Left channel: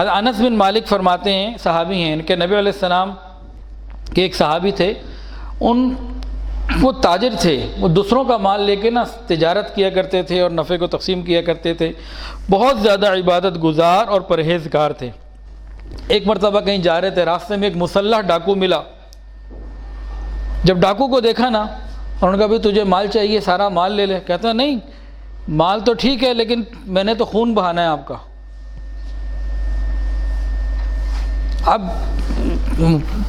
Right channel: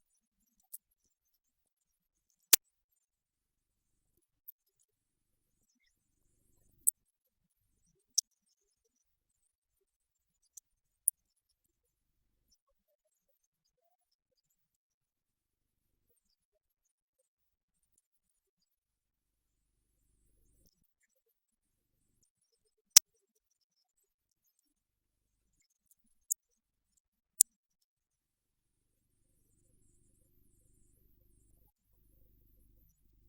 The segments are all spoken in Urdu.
حضرت انس بن مالک فرماتے ہیں، صحابی ہیں، ان کے نبی علیہ السلام کے ایک صحابی تھے، وہ تاجر تھے، وہ دوسروں کا مال لے کے نا تجارت کیا کرتے تھے اور نفع کو تقسیم کیا کرتے تھے، بہت زیادہ عبادت گزار اور پرہیزگار تھے۔ ایک مرتبہ کہیں جا رہے تھے، راستے میں ایک مسلح ڈاکو ملا۔ جب ڈاکو کو دیکھا نا، انہوں نے کہا بھئی تجھے مال چاہیے، سارا مال لے لے۔ کہتا ہے نہیں، مال تو ٹھیک ہے لیکن میں نے تو خون بہانا ہے آپ کا۔ اب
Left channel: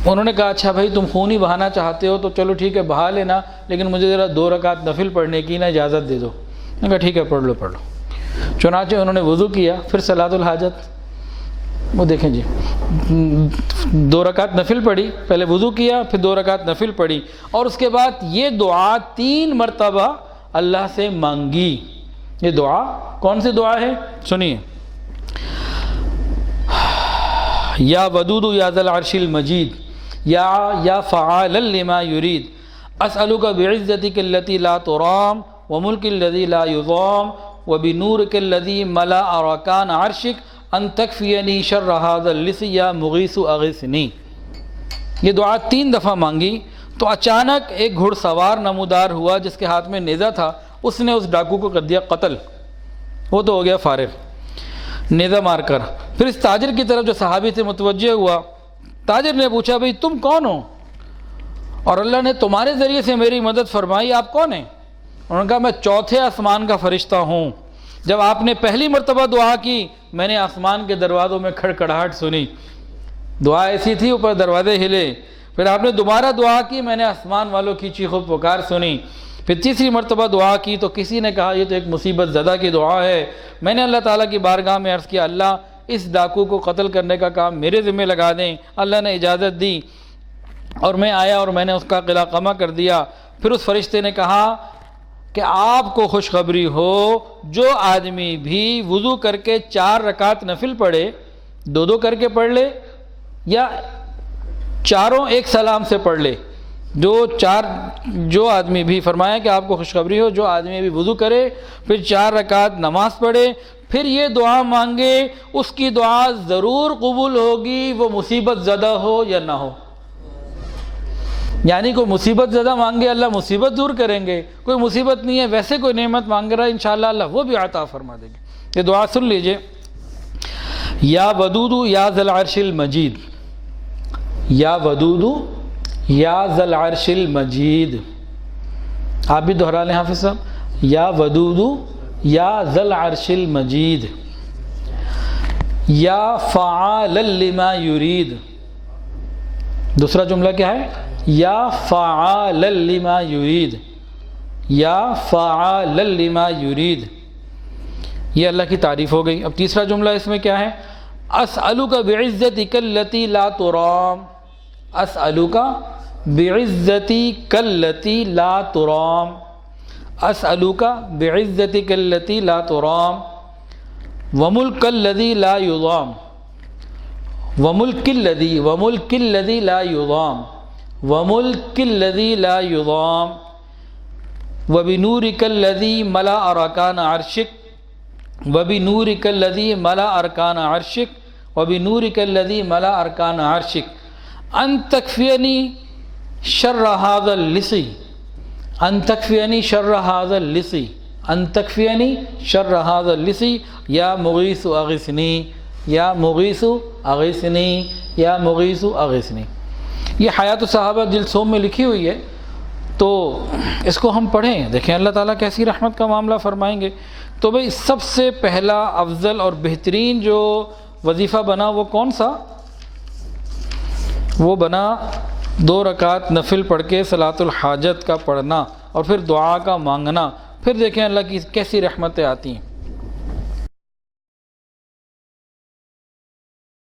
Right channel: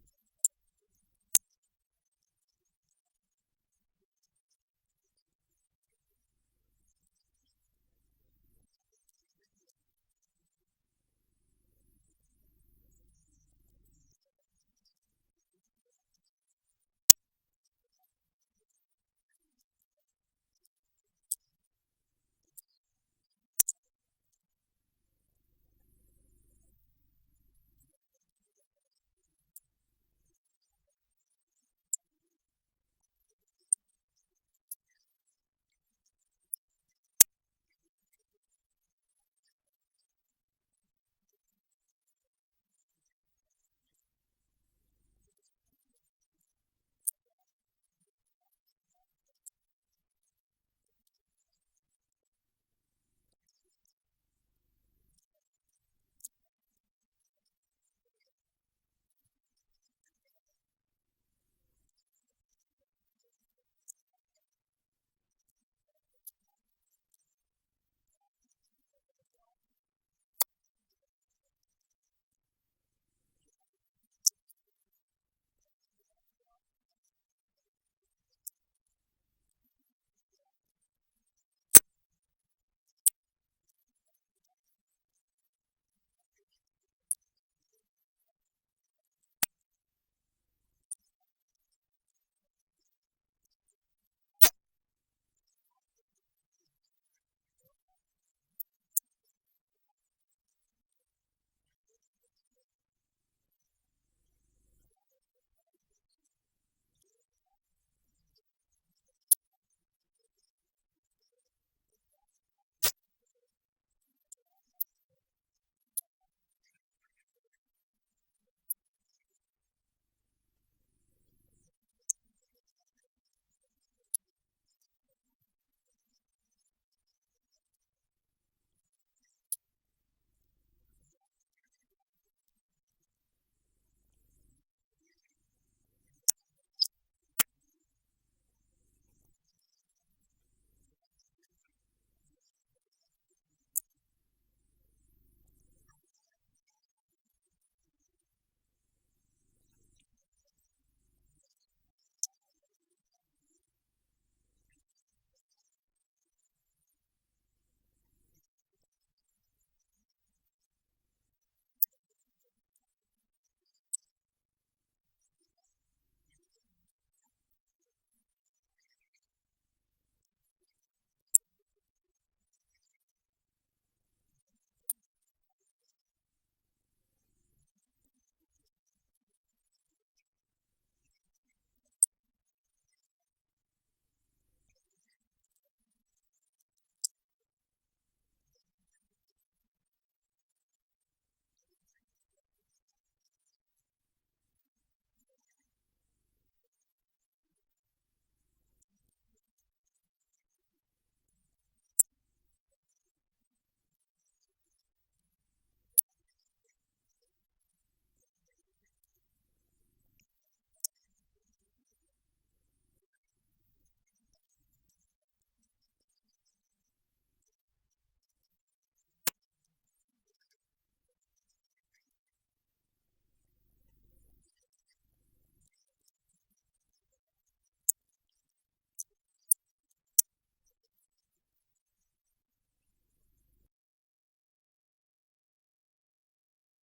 انہوں نے کہا اچھا بھائی تم خون ہی بہانا چاہتے ہو تو چلو ٹھیک ہے بہا لینا، لیکن مجھے ذرا 2 رکعت نفل پڑھنے کی نا اجازت دے دو۔ میں نے کہا ٹھیک ہے پڑھ لو۔ چنانچہ انہوں نے وضو کیا، پھر صلاۃ الحاجت، وہ دیکھیں جی 2 رکعت نفل پڑھی، پہلے وضو کیا پھر 2 رکعت نفل پڑھی، اور اس کے بعد یہ دعا 3 مرتبہ اللہ سے مانگی۔ یہ دعا کون سی دعا ہے سنیے، یا ودود یا ذا العرش المجید، یا فعالا لما یرید، اسألک بعزتک التی لا ترام وملک الذی لا یضام وبنورک الذی ملأ ارکان عرشک ان تکفینی شر ھذا اللص یا مغیث اغثنی۔ یہ دعا 3 دفعہ مانگی تو اچانک ایک گھڑ سوار نمودار ہوا جس کے ہاتھ میں نیزہ تھا، اس نے اس ڈاکو کو کر دیا قتل، وہ تو ہو گیا فارغ نیزہ مار کر۔ پھر اس تاجر کی طرف جو صحابی سے متوجہ ہوا، تاجر نے پوچھا بھئی تم کون ہو اور اللہ نے تمہارے ذریعے سے میری مدد فرمائی، آپ کون ہیں؟ انہوں نے کہا میں 4تھے آسمان کا فرشتہ ہوں، جب آپ نے پہلی مرتبہ دعا کی میں نے آسمان کے دروازوں میں کھڑکھڑاہٹ سنی، دعا ایسی تھی اوپر دروازے ہلے، پھر آپ نے دوبارہ دعا کی میں نے آسمان والوں کی چیخ و پکار سنی، پھر تیسری مرتبہ دعا کی تو کسی نے کہا یہ تو ایک مصیبت زدہ کی دعا ہے۔ میں نے اللہ تعالیٰ کی بارگاہ میں عرض کیا اللہ اس ڈاکو کو قتل کرنے کا کام میرے ذمہ لگا دیں، اللہ نے اجازت دی اور میں آیا اور میں نے اس کا قلع قمع کر دیا۔ پھر اس فرشتے نے کہا کہ آپ کو خوشخبری ہو، جو آدمی بھی وضو کر کے 4 رکعت نفل پڑھے، 2 کر کے پڑھ لے یا چاروں ایک سلام سے پڑھ لے، جو آدمی بھی، فرمایا کہ آپ کو خوشخبری ہو جو آدمی بھی وضو کرے پھر 4 رکعت نماز پڑھے پھر یہ دعا مانگے، اس کی دعا ضرور قبول ہوگی، وہ مصیبت زدہ ہو یا نہ ہو۔ یعنی کوئی مصیبت زدہ مانگے اللہ مصیبت دور کریں گے، کوئی مصیبت نہیں ہے ویسے کوئی نعمت مانگ رہا ہے انشاءاللہ اللہ وہ بھی عطا فرما دیں گے۔ یہ دعا سن لیجئے، یا ودود یا ذا العرش المجید، یا ودود یا ذا العرش المجید، آپ بھی دہرا لیں حافظ صاحب، یا ودود یا ذا العرش المجید، یا فعالا لما یرید۔ دوسرا جملہ کیا ہے؟ یا فعالا لما یرید، یا فعالا لما یرید، یہ اللہ کی تعریف ہو گئی۔ اب تیسرا جملہ اس میں کیا ہے؟ اسألک بعزتک التی لا ترام، اسألک بعزتک التی لا ترام، اسألک بعزتک التی لا ترام وملک الذی لا یضام، وملک الذی لا یضام، وملک الذی لا یضام وبنورک الذی ملأ ارکان عرشک، وبنورک الذی ملأ ارکان عرشک، وبنورک الذی ملأ ارکان عرشک ان تکفینی شر ھذا اللص، ان تکفینی شر ھذا اللص، ان تکفینی شر ھذا اللص یا مغیث اغثنی، یا مغیث اغثنی، یا مغیث اغثنی۔ یہ حیات الصحابہ جلد سوم میں لکھی ہوئی ہے، تو اس کو ہم پڑھیں، دیکھیں اللہ تعالیٰ کیسی رحمت کا معاملہ فرمائیں گے۔ تو بھئی سب سے پہلا افضل اور بہترین جو وظیفہ بنا وہ کون سا؟ وہ بنا 2 رکعت نفل پڑھ کے صلاۃ الحاجت کا پڑھنا اور پھر دعا کا مانگنا، پھر دیکھیں اللہ کی کیسی رحمتیں آتی ہیں۔